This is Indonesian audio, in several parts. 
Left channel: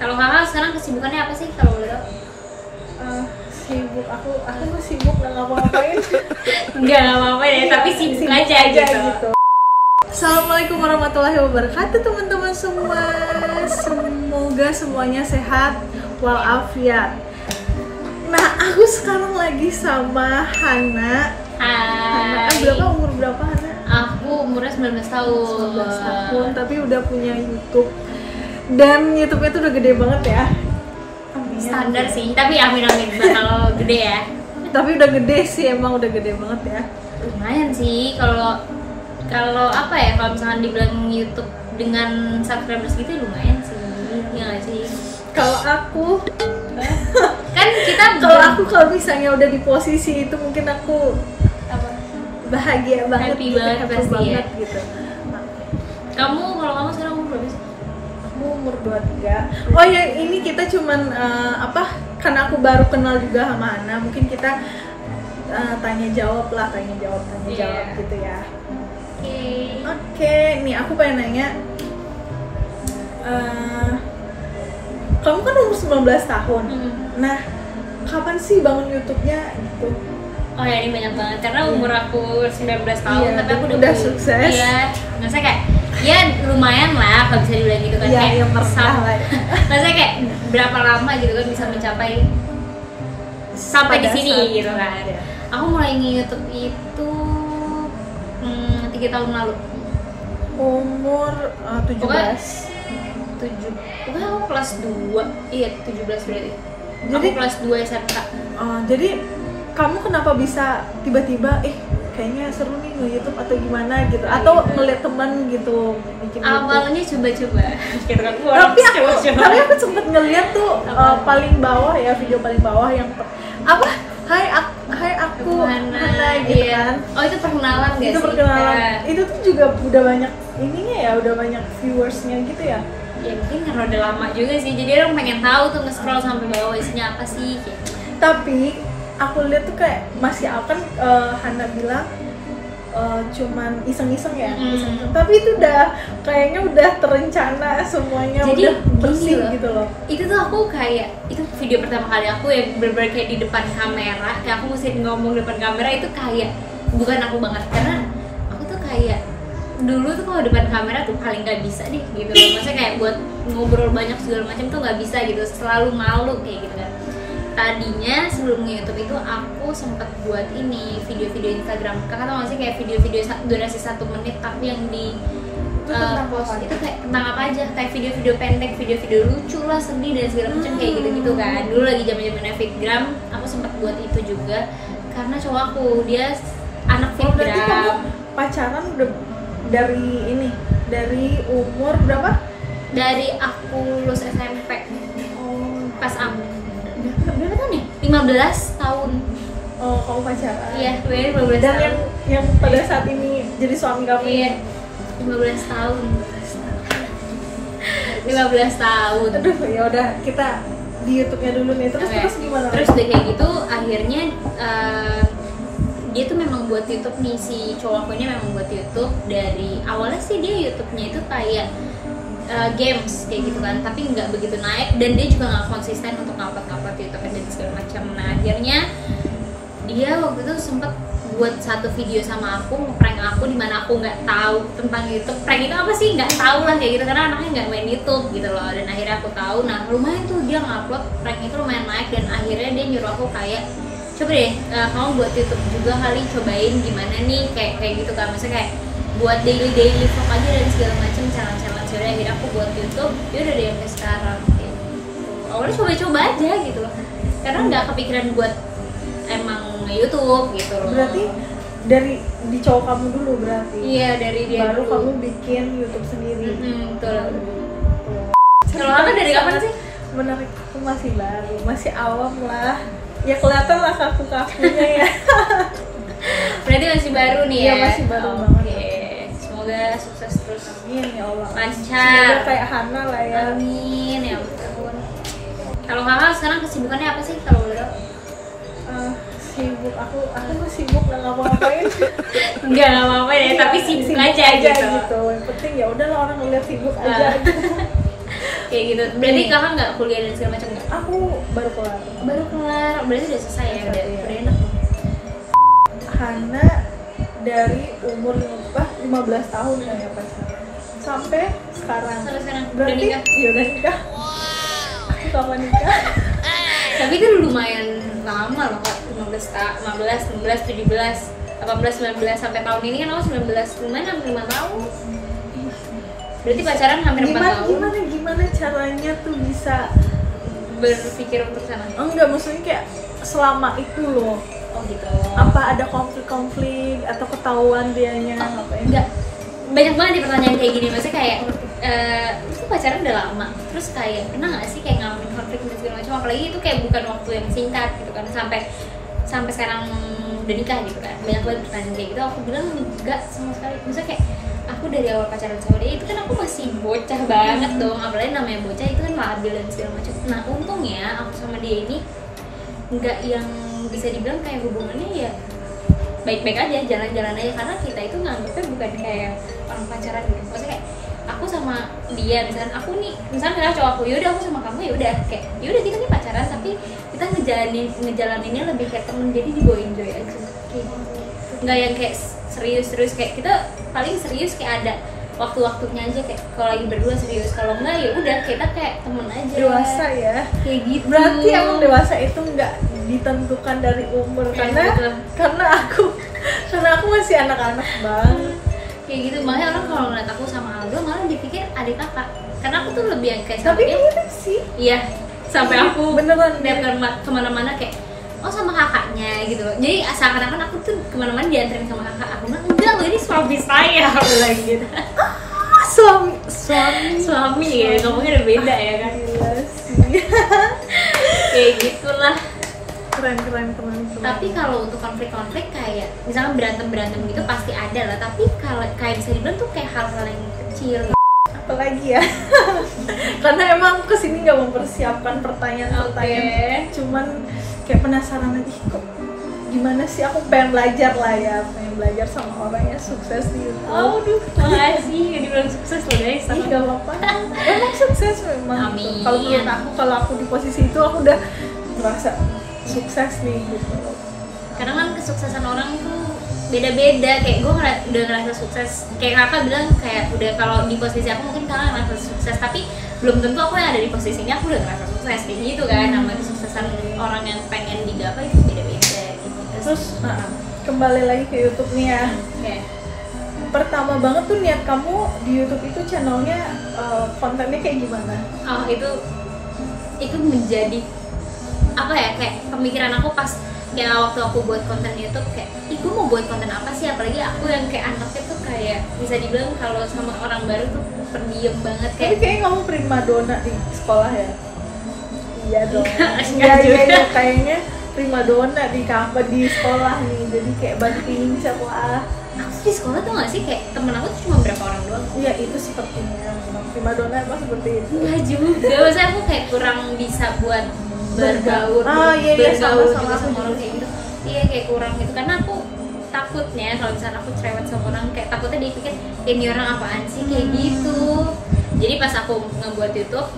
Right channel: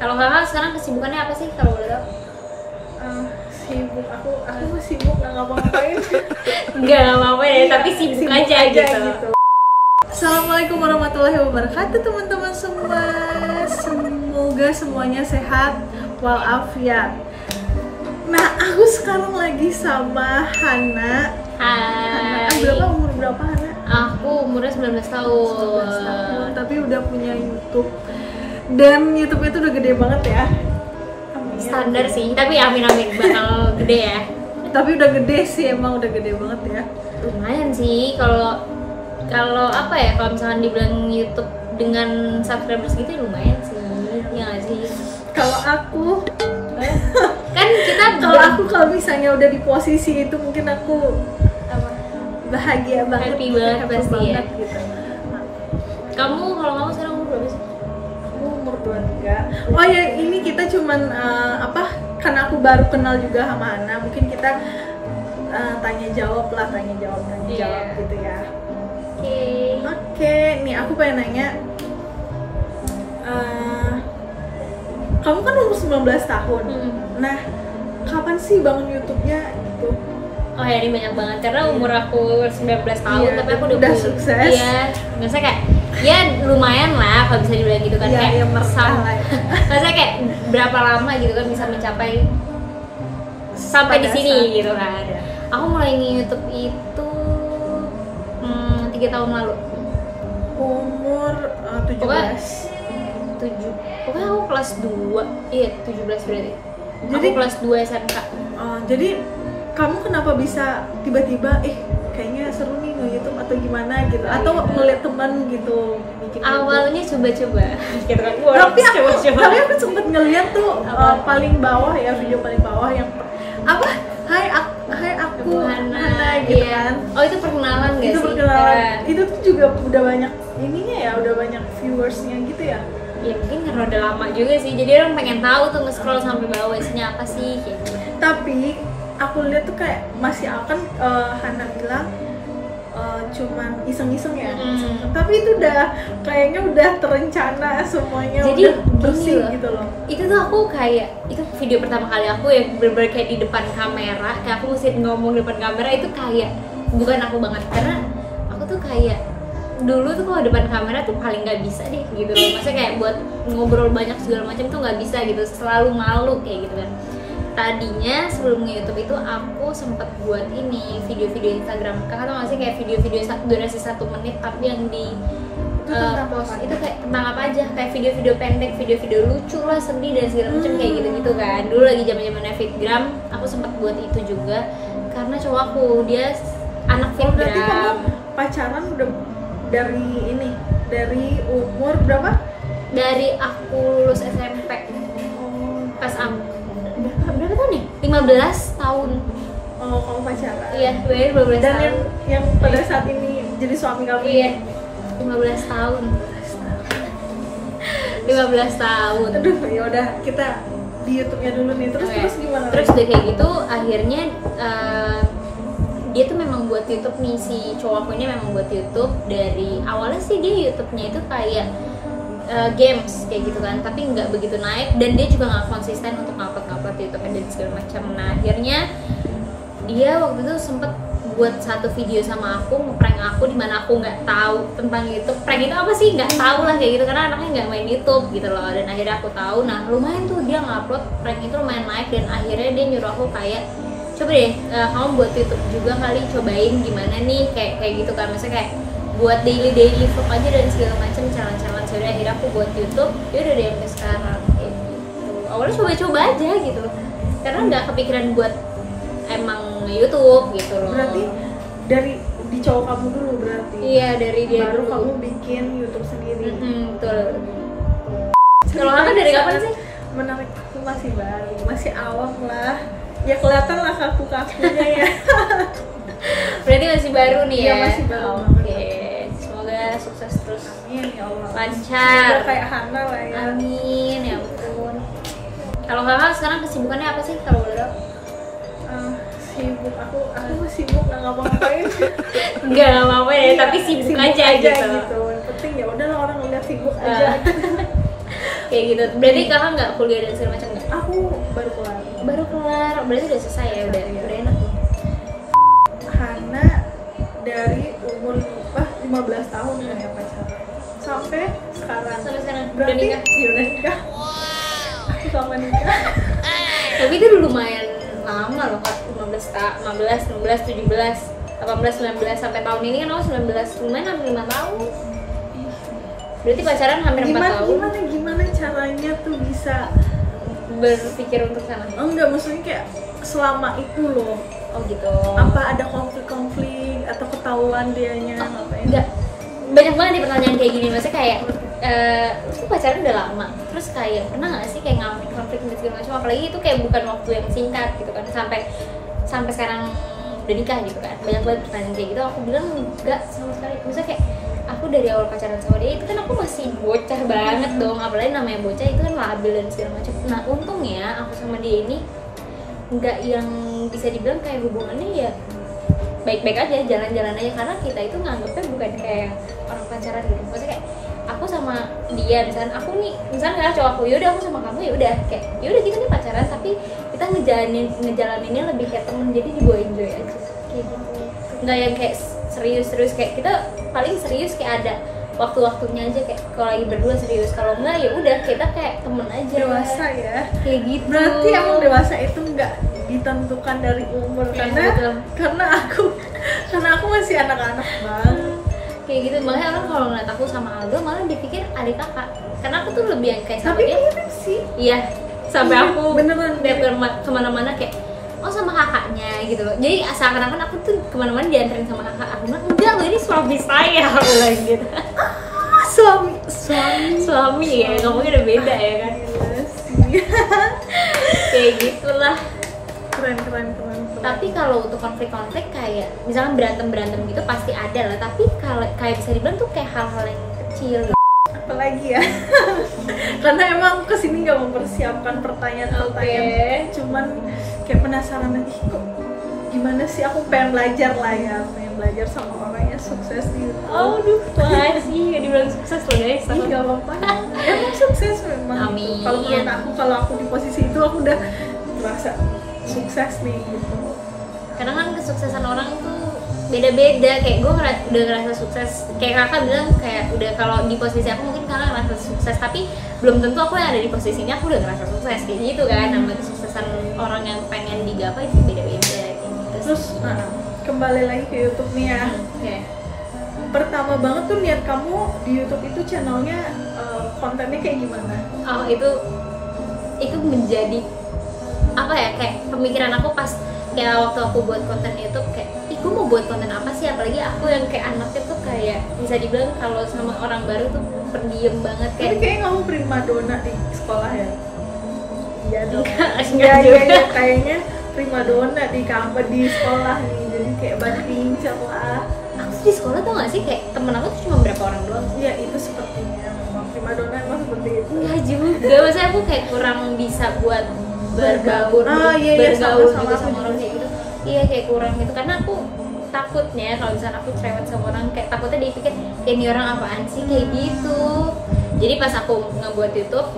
Kalau kakak sekarang kesibukannya apa sih kalau boleh tahu? Sibuk, aku mah sibuk nggak ngapa-ngapain. Nggak apa-apa ya, tapi sibuk aja gitu. Assalamualaikum warahmatullahi wabarakatuh teman-teman semua. Semoga semuanya sehat walafiat. Nah, aku sekarang lagi sama Hana. Hai. Umur berapa Hana? Aku umurnya 19 tahun. 19 tahun, tapi udah punya YouTube. Dan YouTube-nya tuh udah gede banget ya. Amin. Standar sih, tapi amin bakal gede ya. Tapi udah gede sih, emang udah gede banget ya. Lumayan sih kalau apa ya, kalau misalkan dibilang YouTube dengan subscribers gitu lumayan sih. Ya nggak sih? Kalau aku kan kita kalau misalnya udah di posisi itu mungkin aku bahagia banget, happy banget gitu. Kamu sekarang umur berapa sih? Aku umur 23. Oh ya, ini kita cuman karena aku baru kenal juga sama Hana, mungkin kita tanya jawab gitu ya. Oke, nih aku pengen nanya, kamu kan umur 19 tahun. Nah, kapan sih bangun YouTube-nya gitu? Oh ya, ini banyak banget karena umur aku 19 tahun, iya, tapi aku udah sukses. Iya, maksudnya kayak ya lumayan lah kalau bisa dibilang gitu kan. Iya, kayak meresah lah. Maksudnya kayak berapa lama gitu kan bisa mencapai sampai di sini gitu kan. Ya. Aku mulai YouTube itu 3 tahun lalu. Umur 17. Pokoknya aku kelas 2. Iya, 17 berarti. Jadi aku kelas 2 SMK. Jadi kamu kenapa bisa tiba-tiba kayaknya seru nih nge-YouTube atau gimana gitu, atau ngeliat teman gitu bikin awalnya coba-coba gitu kan. Tapi aku sempet ngeliat tuh paling bawah ya, video paling bawah yang Hai aku Hana gitu iya. kan. Oh, itu perkenalan guys. Itu perkenalan. Itu tuh juga udah banyak ininya ya, udah banyak viewersnya gitu ya. Ya mungkin karena udah lama juga sih, jadi orang pengen tahu tuh nge-scroll sampai bawah isinya apa sih gitu. Tapi aku lihat tuh kayak masih akan Hana bilang cuman iseng-iseng ya, iseng-iseng. Tapi itu kayaknya udah terencana semuanya, jadi, udah bersih gitu loh. Itu tuh aku kayak, itu video pertama kali aku yang bener-bener kayak di depan kamera, kayak aku mesti ngomong depan kamera, itu kayak bukan aku banget, karena aku tuh kayak dulu tuh kalau depan kamera tuh paling nggak bisa deh gitu loh. Maksudnya kayak buat ngobrol banyak segala macam tuh nggak bisa gitu, selalu malu kayak gitu kan. Tadinya sebelum YouTube itu aku sempet buat ini video-video Instagram. Kakak tau gak sih kayak video-video durasi 1 menit tapi yang di post itu kayak tentang apa aja, kayak video-video pendek, video-video lucu lah, sedih dan segala macam kayak gitu-gitu kan. Dulu lagi zaman-zamannya Fitgram, aku sempet buat itu juga karena cowok aku dia anak Fitgram. Berarti kamu pacaran udah dari umur berapa? Dari aku lulus SMP. Pas berapa tahun ya? 15 tahun. Oh, kamu pacaran? Iya, 15 dan tahun. yang pada saat ini jadi suami kamu? Iya, 15 tahun. 15 tahun. Aduh, ya udah kita di YouTube-nya dulu nih. Terus gimana? Terus udah kayak gitu, akhirnya dia tuh memang buat YouTube nih, si cowok aku ini memang buat YouTube. Dari awalnya sih dia YouTube-nya itu kayak games kayak gitu kan, tapi nggak begitu naik dan dia juga nggak konsisten untuk ngupload YouTube dan segala macam. Nah, akhirnya dia waktu itu sempet buat satu video sama aku, ngeprank aku di mana aku nggak tahu tentang YouTube. Prank itu apa sih, nggak tahu lah kayak gitu karena anaknya nggak main YouTube gitu loh. Dan akhirnya aku tahu, nah lumayan tuh dia ngupload, prank itu lumayan naik dan akhirnya dia nyuruh aku kayak coba deh kamu buat YouTube juga kali, cobain gimana nih kayak gitu kan. Maksudnya kayak buat daily vlog aja dan segala macam, challenge. Jadi akhirnya aku buat YouTube, ya udah deh sampai sekarang kayak gitu. Awalnya coba-coba aja gitu loh, karena nggak kepikiran buat emang YouTube gitu loh. Berarti dari di cowok kamu dulu berarti? Iya, dari dia baru dulu. Kamu bikin YouTube sendiri. Betul. Kalau kakak dari kapan sih? Menarik, aku masih baru, masih awam lah. Ya kelihatan lah kaku-kakunya ya. Berarti masih baru nih ya? Iya, masih baru banget. Semoga sukses terus. Amin ya Allah. Lancar. Semoga kayak Hana lah ya. Amin ya ampun. Kalau kakak sekarang kesibukannya apa sih kalau boleh tahu? Sibuk, aku mah sibuk nggak ngapa-ngapain. Nggak apa-apa ya, tapi sibuk aja gitu. Yang penting ya udahlah orang ngeliat sibuk aja gitu. Kayak gitu. Berarti kakak nggak kuliah dan segala macam nggak? Aku baru kelar. Baru kelar, berarti udah selesai ya, udah Iya. enak dong. Hana dari umur 15 tahun ya pacaran sampai sekarang. Sampai sekarang udah Berarti nikah. iya udah nikah. Aku kapan nikah? Tapi kan lumayan lama loh kak, 15, 16, 17, 18, 19 sampai tahun ini kan aku 19, lumayan hampir 5 tahun. Berarti pacaran hampir 4 tahun. Gimana caranya tuh bisa Berpikir untuk sana. oh, enggak, maksudnya kayak selama itu loh. Oh gitu. Apa ada konflik atau ketahuan dianya ngapain? Enggak, banyak banget nih pertanyaan kayak gini. Maksudnya kayak itu pacaran udah lama, terus kayak pernah nggak sih kayak ngalamin konflik dan segala macam, apalagi itu kayak bukan waktu yang singkat gitu kan, sampai sekarang udah nikah gitu kan. Banyak banget pertanyaan kayak gitu. Aku bilang enggak sama sekali. Maksudnya kayak aku dari awal pacaran sama dia itu kan aku masih bocah banget dong, apalagi namanya bocah itu kan labil dan segala macam. Nah untungnya aku sama dia ini nggak yang bisa dibilang kayak hubungannya ya baik-baik aja, jalan-jalan aja, karena kita itu nganggepnya bukan kayak orang pacaran gitu. Maksudnya kayak aku sama dia, misalnya aku nih, misalnya cowok aku, yaudah aku sama kamu, yaudah kayak yaudah kita nih pacaran, tapi kita ngejalaninnya lebih kayak temen, jadi dibawa enjoy aja kayak gitu. Nggak yang kayak serius kayak kita paling serius kayak ada waktu-waktunya aja, kayak kalau lagi berdua serius, kalau enggak ya udah kita kayak temen aja. Dewasa ya. Kayak gitu. Berarti emang dewasa itu nggak ditentukan dari umur, karena aku masih anak-anak banget. Kayak gitu, makanya orang kalau ngeliat aku sama Aldo malah dipikir adik kakak, karena aku tuh lebih yang kayak sama Tapi dia. mirip sih. Iya, sampai Iya, aku beneran lihat kemana-mana kayak oh sama kakaknya gitu loh. Jadi seakan-akan aku tuh kemana-mana dianterin sama kakak. Aku bilang enggak loh, ini suami saya. Aku bilang gitu. Suami ya, ngomongnya udah beda ya kan. Gila sih. Kayak gitulah. Keren. Tapi kalau untuk konflik kayak misalkan berantem gitu pasti ada lah. Tapi kalau kayak bisa dibilang tuh kayak hal-hal yang kecil gitu. Apalagi ya. Karena emang kesini nggak mempersiapkan pertanyaan-pertanyaan. Cuman kayak penasaran lagi kok gimana sih, aku pengen belajar sama orang yang sukses di YouTube. Aduh, makasih ya dibilang sukses loh guys. Ih, gak apa-apa. Emang sukses memang. Amin. Kalau menurut aku, kalau aku di posisi itu aku udah merasa sukses nih gitu. Karena kan kesuksesan orang itu beda-beda, kayak gue udah ngerasa sukses, kayak kakak bilang kayak udah kalau di posisi aku mungkin kakak ngerasa sukses, tapi belum tentu aku yang ada di posisinya aku udah ngerasa sukses kayak gitu kan. Namanya kesuksesan orang yang pengen digapai itu beda-beda. Terus kembali lagi ke YouTube nih ya. Okay. Pertama banget tuh niat kamu di YouTube itu channelnya kontennya kayak gimana? Oh itu menjadi apa ya, kayak pemikiran aku pas kayak waktu aku buat konten YouTube, kayak gue mau buat konten apa sih, apalagi aku yang kayak anaknya tuh kayak bisa dibilang kalau sama orang baru tuh pendiam banget Tapi kayak kayaknya kamu primadona di sekolah ya? Iya dong. Enggak juga. Iya kayaknya primadona di kampus di sekolah nih. Jadi kayak banyak yang di sekolah. aku di sekolah tuh gak sih kayak temen aku tuh cuma berapa orang doang. Iya itu sepertinya memang primadona emang seperti itu. Enggak juga, maksudnya aku kayak kurang bisa buat bergaul, iya, bergaul sama gitu aku sama juga orang kayak gitu. Iya kayak kurang gitu, karena aku takutnya kalau misalnya aku cerewet sama orang, kayak takutnya dia pikir ini orang apaan sih kayak gitu. Jadi pas aku ngebuat YouTube,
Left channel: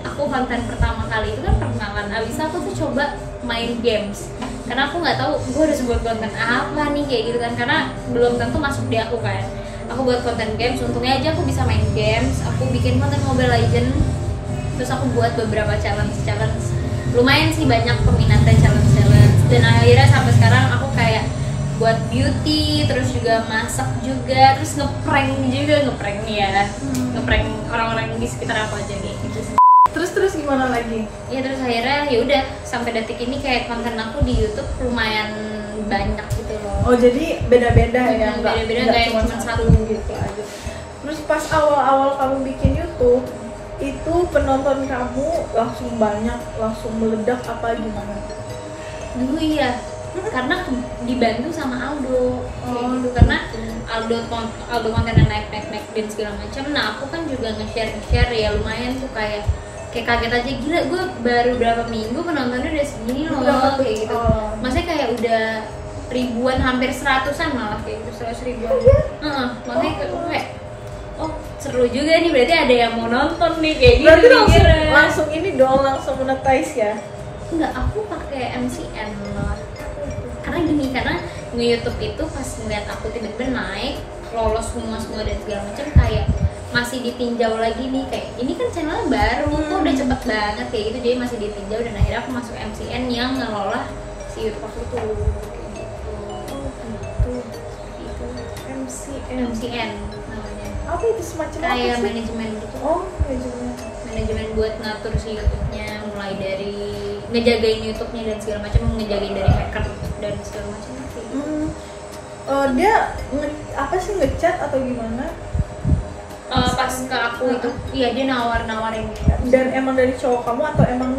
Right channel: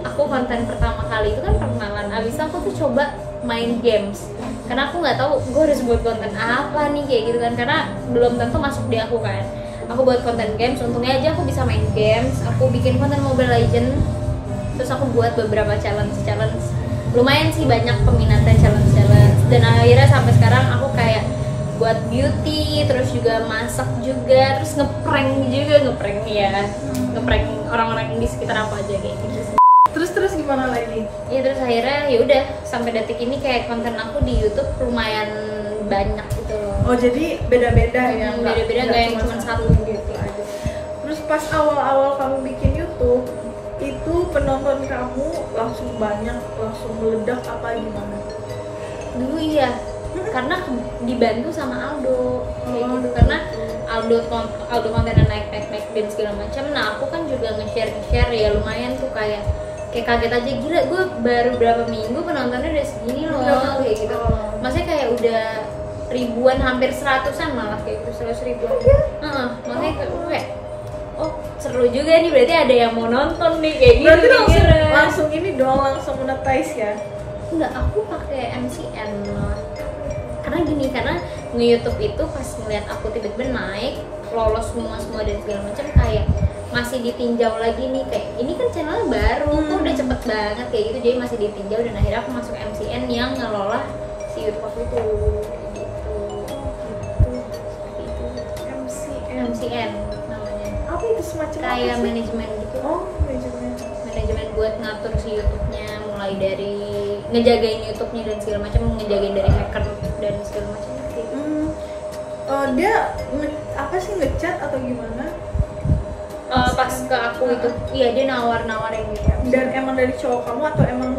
aku konten pertama kali itu kan perkenalan. Abis itu aku tuh coba main games, karena aku nggak tahu gue harus buat konten apa nih kayak gitu kan, karena belum tentu masuk di aku kan. Aku buat konten games, untungnya aja aku bisa main games. Aku bikin konten Mobile Legends, terus aku buat beberapa challenge. Lumayan sih banyak peminatnya challenge, dan akhirnya sampai sekarang aku kayak buat beauty, terus juga masak juga, terus ngeprank orang-orang di sekitar aku aja kayak gitu sih. Terus gimana lagi? Ya terus akhirnya ya udah sampai detik ini kayak konten aku di YouTube lumayan banyak gitu loh. Oh jadi beda-beda ya? Beda-beda, nggak yang cuma satu gitu aja. Terus pas awal-awal kamu bikin YouTube, itu penonton kamu langsung banyak, langsung meledak apa gimana? Dulu iya, karena dibantu sama Aldo, gitu. Karena Aldo kontennya naik dan segala macam. Nah aku kan juga nge-share ya, lumayan tuh kayak kaget aja, gila gue baru berapa minggu penontonnya udah segini loh kayak gitu. Maksudnya kayak udah ribuan, hampir 100-an malah kayak gitu, 100 ribuan. Makanya kayak oh seru juga nih, berarti ada yang mau nonton nih kayak gitu. Berarti mikirnya. langsung ini dong, langsung monetize ya? Enggak, aku pakai MCN malah. Karena gini, karena nge-YouTube itu pas ngeliat aku tiba-tiba naik, lolos semua dan segala macam, kayak masih ditinjau lagi nih, kayak ini kan channelnya baru, kok udah cepet banget kayak gitu, jadi masih ditinjau dan akhirnya aku masuk MCN yang ngelola si YouTube aku itu gitu. Oh gitu. Seperti itu. MCN namanya. apa itu, semacam apa Kayak sih? manajemen gitu. Oh, manajemen Buat ngatur si YouTube-nya, mulai dari ngejagain YouTube-nya dan segala macam, ngejagain dari hacker dan segala macam gitu. Oh, dia apa sih, ngechat atau gimana? Pas ke aku itu, iya dia nawarin gitu. Dan emang dari cowok kamu atau emang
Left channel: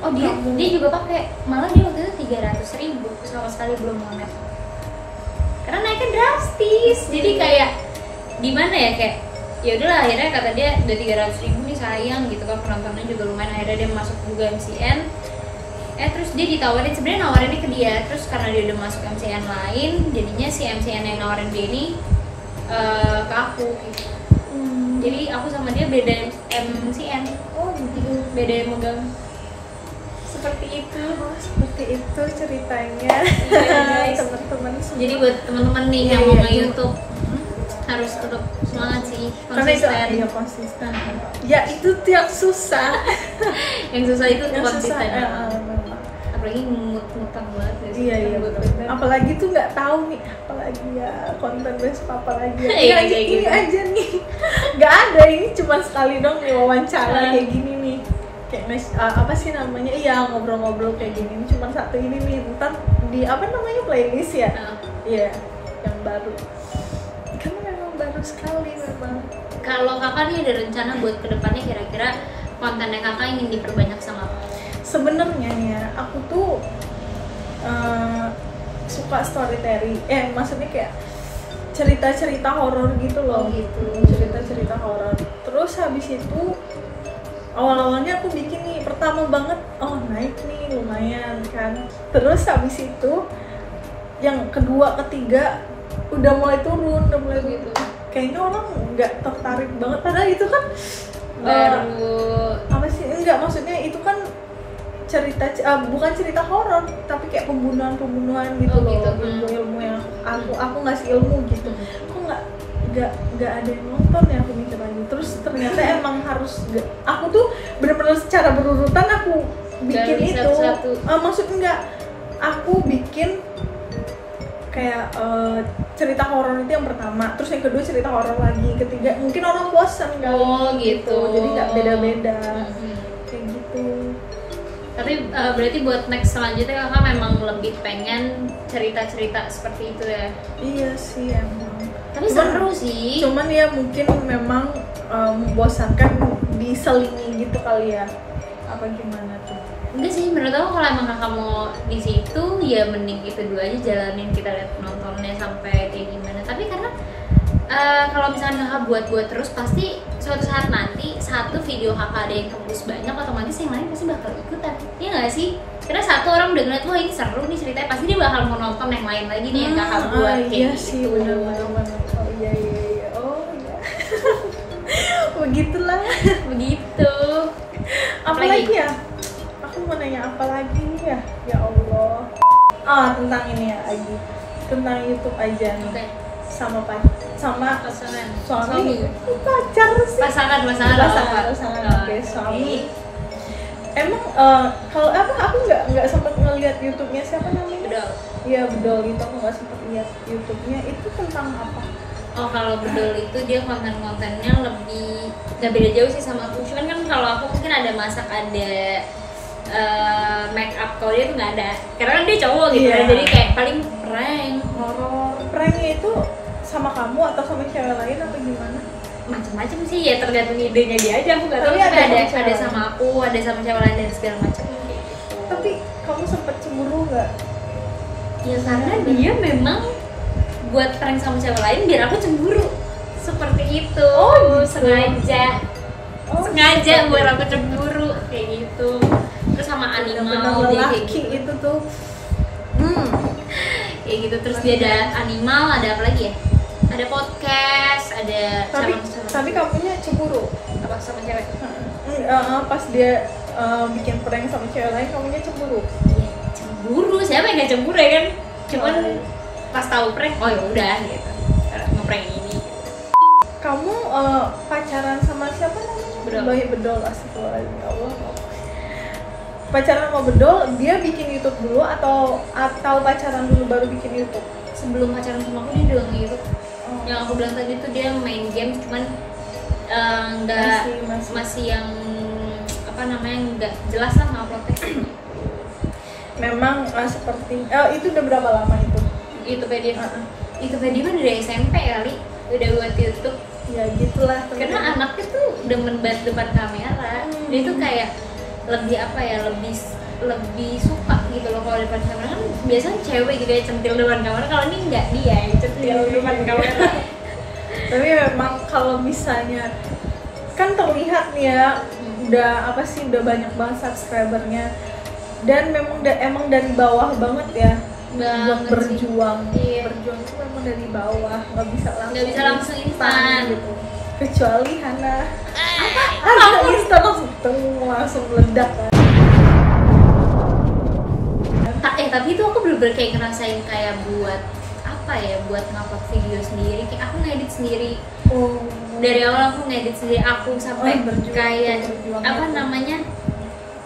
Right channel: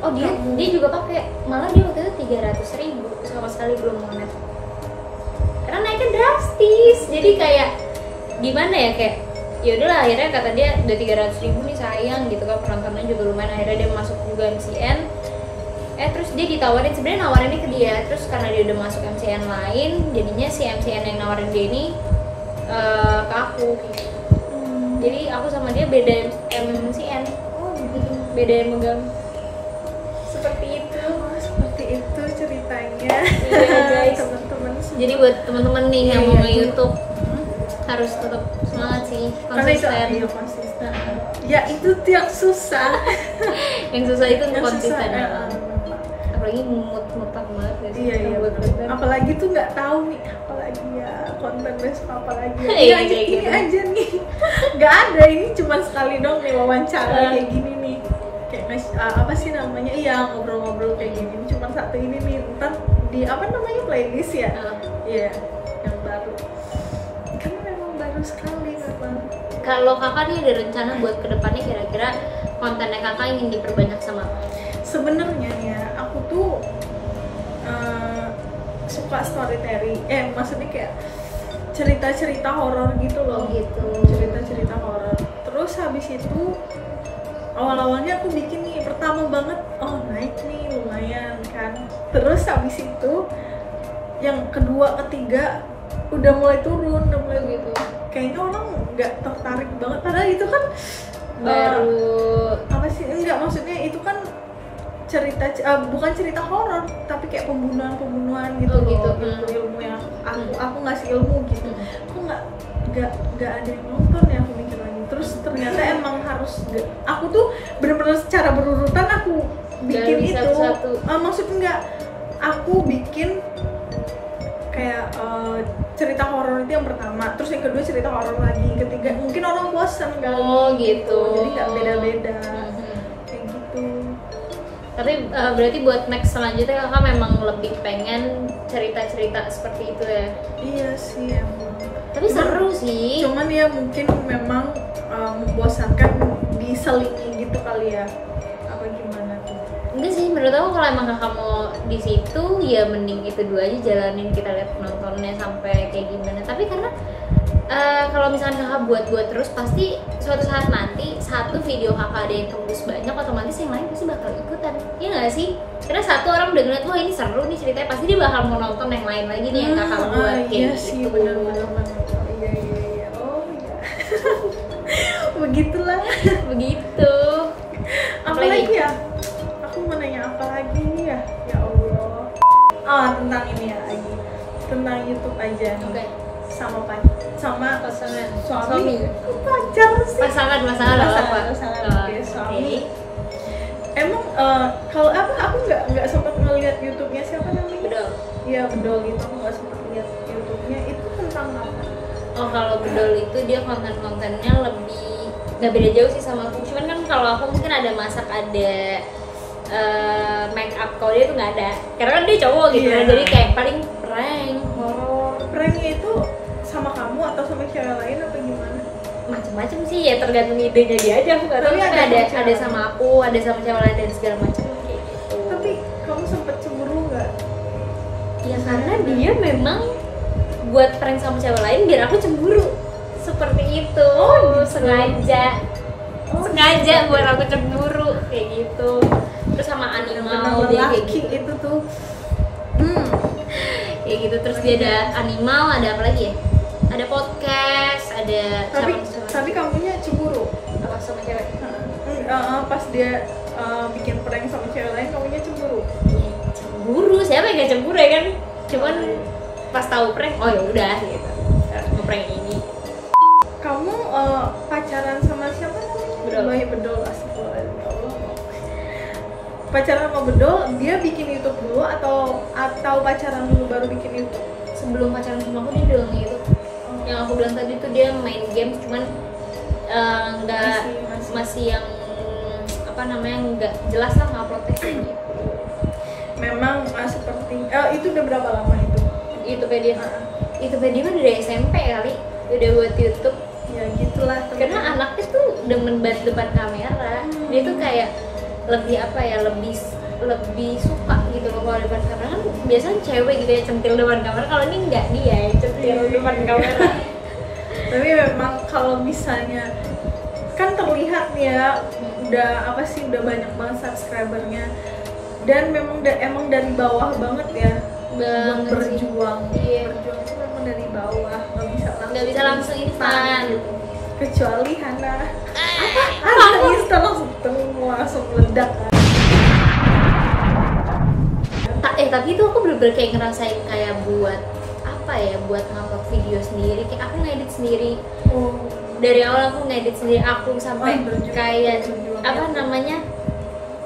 Oh dia juga pakai, malah dia waktu itu 300.000 sama sekali belum monet. Karena naiknya drastis, jadi kayak gimana ya, kayak ya udahlah akhirnya kata dia udah 300.000 nih sayang gitu kan, penontonnya juga lumayan, akhirnya dia masuk juga MCN. Terus dia ditawarin, sebenarnya nawarinnya ke dia, terus karena dia udah masuk MCN lain, jadinya si MCN yang nawarin dia ini ke aku gitu. Jadi aku sama dia beda MCN. Oh gitu. Beda yang megang. Seperti itu ceritanya. Iya, guys. Teman-teman semua. Jadi buat teman-teman nih yang Iya, mau iya. nge-YouTube harus tetap semangat sih, Karena itu konsisten. iya konsisten. Ya itu tuh yang susah. Yang susah itu Yang konsisten. susah, memang. Apalagi mutang banget ya sih, Iya kan iya buat bener. konten. Apalagi tuh nggak tahu nih, apalagi ya konten besok apalagi ya. Iya, Ini, iya, ini gitu. aja nih. Nggak ada, ini cuma sekali dong nih wawancara kayak gini nih. Kayak apa sih namanya? Iya, ngobrol-ngobrol kayak gini. Ini cuma satu ini nih. Ntar di apa namanya, playlist ya? Iya, yang baru. Karena memang baru sekali memang. Kalau kakak nih ada rencana buat kedepannya, kira-kira kontennya kakak ingin diperbanyak sama apa? Sebenarnya ya, aku tuh suka storytelling. Maksudnya kayak cerita-cerita horor gitu loh. Oh, gitu. Cerita-cerita horor. Terus habis itu awal-awalnya aku bikin nih, pertama banget naik nih lumayan kan. Terus habis itu yang kedua, ketiga udah mulai turun, Gitu. Kayaknya orang nggak tertarik banget, padahal itu kan Baru apa sih, enggak, maksudnya itu kan cerita bukan cerita horor tapi kayak pembunuhan gitu Oh, gitu. loh, ilmu yang aku ngasih ilmu gitu. Kok nggak ada yang nonton ya, aku mikir lagi. Terus ternyata emang harus aku tuh bener-bener secara berurutan aku bikin dari itu. satu-satu. Maksudnya enggak, aku bikin kayak cerita horor itu yang pertama, terus yang kedua cerita horor lagi, ketiga mungkin orang bosan kan. Oh, gitu. Jadi nggak beda-beda Mhm. kayak gitu. Tapi berarti buat next selanjutnya kakak memang lebih pengen cerita-cerita seperti itu ya? Iya sih emang. Tapi seru sih. Cuman ya mungkin memang membosankan diselingi gitu kali ya. Apa gimana tuh? Enggak sih, menurut aku kalau emang kakak mau di situ ya mending itu dua aja jalanin, kita lihat penontonnya sampai kayak gimana. Tapi karena kalau misalnya kakak buat terus, pasti suatu saat nanti satu video kakak ada yang tembus banyak, otomatis yang lain pasti bakal ikutan. Iya nggak sih? Karena satu orang udah ngeliat, wah ini seru nih ceritanya, pasti dia bakal mau nonton yang lain lagi nih yang kakak buat kayak iya gitu. sih, benar. Oh iya. Oh iya. Begitulah. Begitu. Apalagi ya? Aku mau nanya apa lagi nih ya? Ya Allah. Tentang ini ya lagi. Tentang YouTube aja nih. Oke. Sama Pasangan. suami. Kok pacar sih? Pasangan Pasangan. Oh, Oke, suami. oke. Emang kalau aku nggak sempat ngeliat YouTube-nya, siapa namanya? Bedol. Iya, Bedol itu aku nggak sempat lihat YouTube-nya. Itu tentang apa? Oh, kalau Bedol itu dia konten-kontennya lebih nggak beda jauh sih sama aku. Cuman kan kalau aku mungkin ada masak, ada make up. Kalau dia tuh nggak ada, karena kan dia cowok gitu Iya. ya. Jadi kayak paling prank, horor, Pranknya itu sama kamu atau sama cewek lain apa gimana? macam-macam sih ya, tergantung idenya dia aja. Aku nggak tahu. Tapi Tapi ada ada cewek sama aku, ada sama cewek lain dan segala macam kayak gitu. Tapi kamu sempet cemburu nggak? Ya karena dia memang buat prank sama cewek lain biar aku cemburu. Seperti itu. Oh, gitu. Sengaja seperti buat itu. aku cemburu kayak gitu. Terus sama animal Bener-bener dia kayak lelaki gitu. itu tuh. Kayak gitu. Terus dia ada animal, ada apa lagi ya? ada podcast, ada tapi kamunya cemburu apa sama cewek? pas dia bikin prank sama cewek lain, kamunya cemburu? Cemburu, siapa yang gak cemburu ya kan? Cuman pas tahu prank, oh ya udah gitu, ngeprank ini. Kamu pacaran sama siapa namanya? Bedol, astagfirullahaladzim, ya Allah. Pacaran sama Bedol, dia bikin YouTube dulu atau pacaran dulu baru bikin YouTube? Sebelum pacaran sama aku dia udah nge-YouTube. Yang aku bilang tadi tuh dia main game, cuman masih yang apa namanya, nggak jelas lah nguploadnya. Memang seperti itu udah berapa lama itu? YouTube-nya dia? YouTube-nya dia dari SMP kali udah buat YouTube. Ya gitulah. Karena anaknya tuh demen banget depan kamera. Dia tuh kayak lebih apa ya, lebih suka gitu loh kalau depan kamera. Kan biasanya cewek gitu ya centil depan kamera, kalau ini enggak, dia yang centil depan kamera. Tapi memang kalau misalnya kan terlihat nih ya, udah banyak banget subscribernya, dan emang dari bawah banget ya. Berjuang itu memang dari bawah, nggak bisa langsung instan gitu, kecuali Hana instan langsung meledak kan. Tapi itu aku bener-bener kayak ngerasain kayak buat apa ya, buat ngupload video sendiri, kayak aku ngedit sendiri. Dari awal aku ngedit sendiri, aku sampai kayak apa namanya,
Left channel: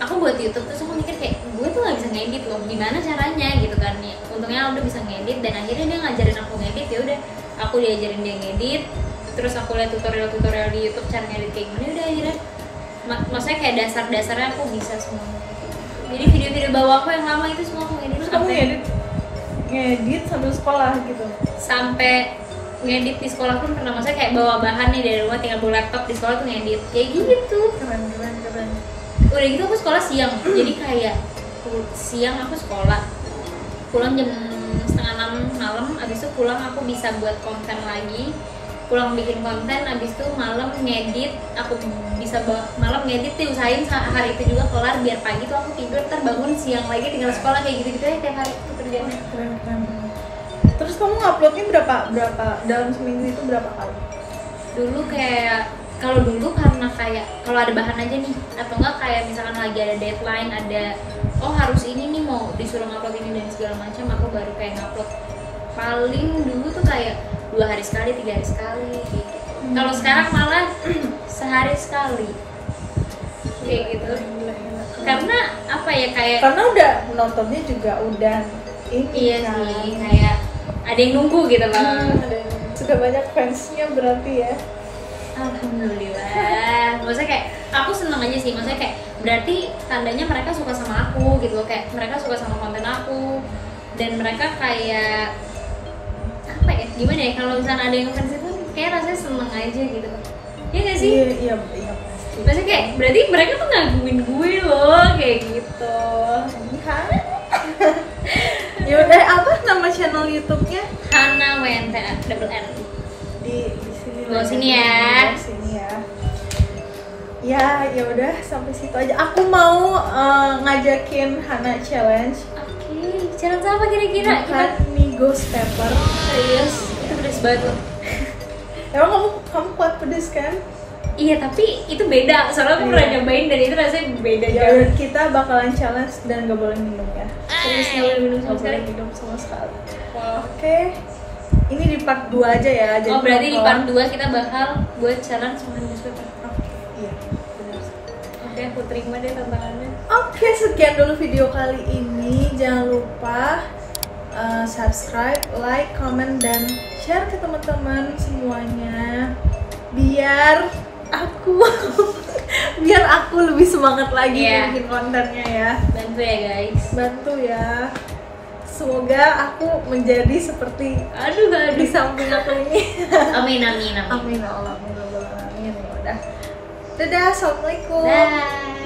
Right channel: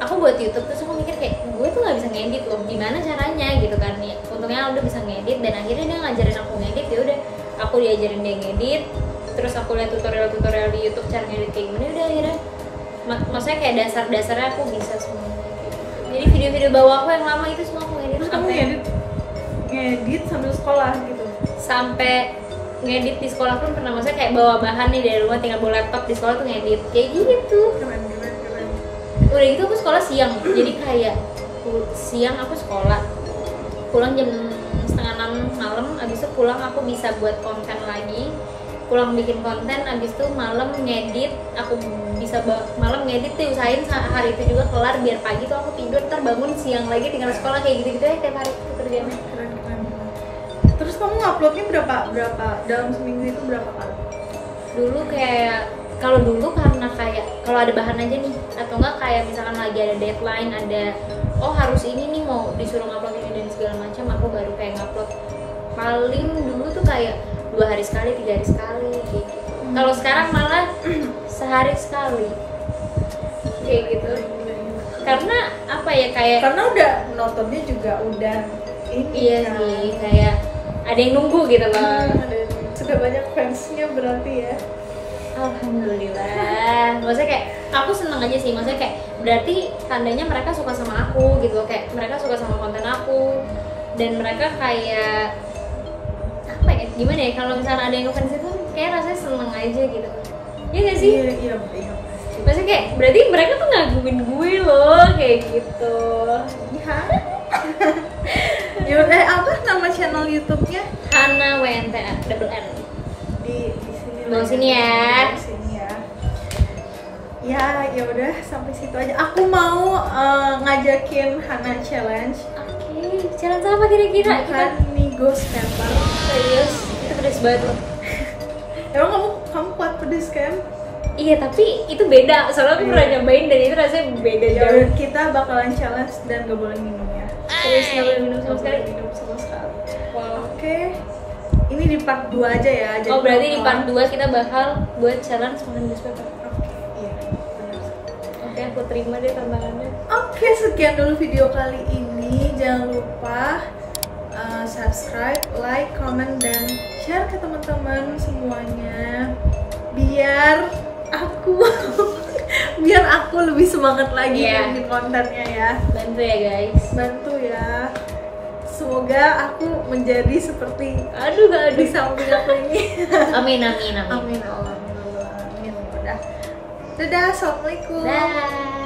aku buat YouTube terus aku mikir kayak gue tuh nggak bisa ngedit loh, gimana caranya gitu kan ya. Untungnya udah bisa ngedit, dan akhirnya dia ngajarin aku ngedit. Ya udah aku diajarin dia ngedit, terus aku lihat tutorial di YouTube cara ngedit kayak gimana. Udah akhirnya maksudnya kayak dasarnya aku bisa semua. Jadi video-video bawah aku yang lama itu semua aku ngedit. Terus kamu ngedit sambil sekolah gitu? Sampai ngedit di sekolah pun pernah, maksudnya kayak bawa bahan nih dari rumah, tinggal bawa laptop di sekolah tuh ngedit kayak gitu. Keren. Udah gitu aku sekolah siang, jadi kayak siang aku sekolah, pulang jam 5:30 malam, abis itu pulang aku bisa buat konten lagi, pulang bikin konten, abis itu malam ngedit, aku bisa malam ngedit tuh, usahain hari itu juga kelar biar pagi tuh aku tidur, terbangun siang lagi tinggal sekolah, kayak gitu-gitu ya tiap hari itu kerjaan. Keren. Terus kamu nguploadnya berapa dalam seminggu itu berapa kali? Dulu kayak kalau dulu karena kayak kalau ada bahan aja nih, atau enggak kayak misalkan lagi ada deadline, ada harus ini nih mau disuruh ngupload ini dan segala macam, aku baru kayak ngupload. Paling dulu tuh kayak 2 hari sekali, 3 hari sekali kayak gitu. Kalau sekarang malah sehari sekali kayak gitu. Karena apa ya, kayak karena udah nontonnya juga udah ini. Iya kan? Sih, kayak ada yang nunggu gitu loh. Sudah banyak fansnya berarti ya. Alhamdulillah. Maksudnya kayak aku seneng aja sih, maksudnya kayak berarti tandanya mereka suka sama aku gitu loh, kayak mereka suka sama konten aku, dan mereka kayak apa ya, gimana ya, kalau misalnya ada yang ngefans itu kayak rasanya seneng aja gitu. Iya gak sih? Iya pasti. Maksudnya kayak berarti mereka tuh ngagumin gue loh kayak gitu. Iya. Yaudah, apa nama channel YouTube-nya? Hana WNTA double N. Di sini lah. Sini ya. Di sini ya. Ya udah sampai situ aja. Aku mau ngajakin Hana challenge. Oke, challenge apa kira-kira? Makan mie ghost pepper. Serius? Itu pedes banget loh. Emang kamu kuat pedes kan? Iya, tapi itu beda. Soalnya aku pernah nyobain dan itu rasanya beda jauh. Kita bakalan challenge dan gak boleh minum ya. Terus gak boleh minum sama sekali. Wow. Oke. Ini di part 2 aja ya. Jadi berarti di part 2 kita bakal buat challenge makan ghost pepper. Iya, benar. Oke, aku terima deh tambahannya. Oke, sekian dulu video kali ini. Jangan lupa subscribe, like, comment, dan share ke teman-teman semuanya. Biar aku lebih semangat lagi bikin kontennya ya. Bantu ya guys. Bantu ya. Semoga aku menjadi seperti di samping aku ini. Amin. Amin Allah. Amin. Udah. Dadah, assalamualaikum. Dah.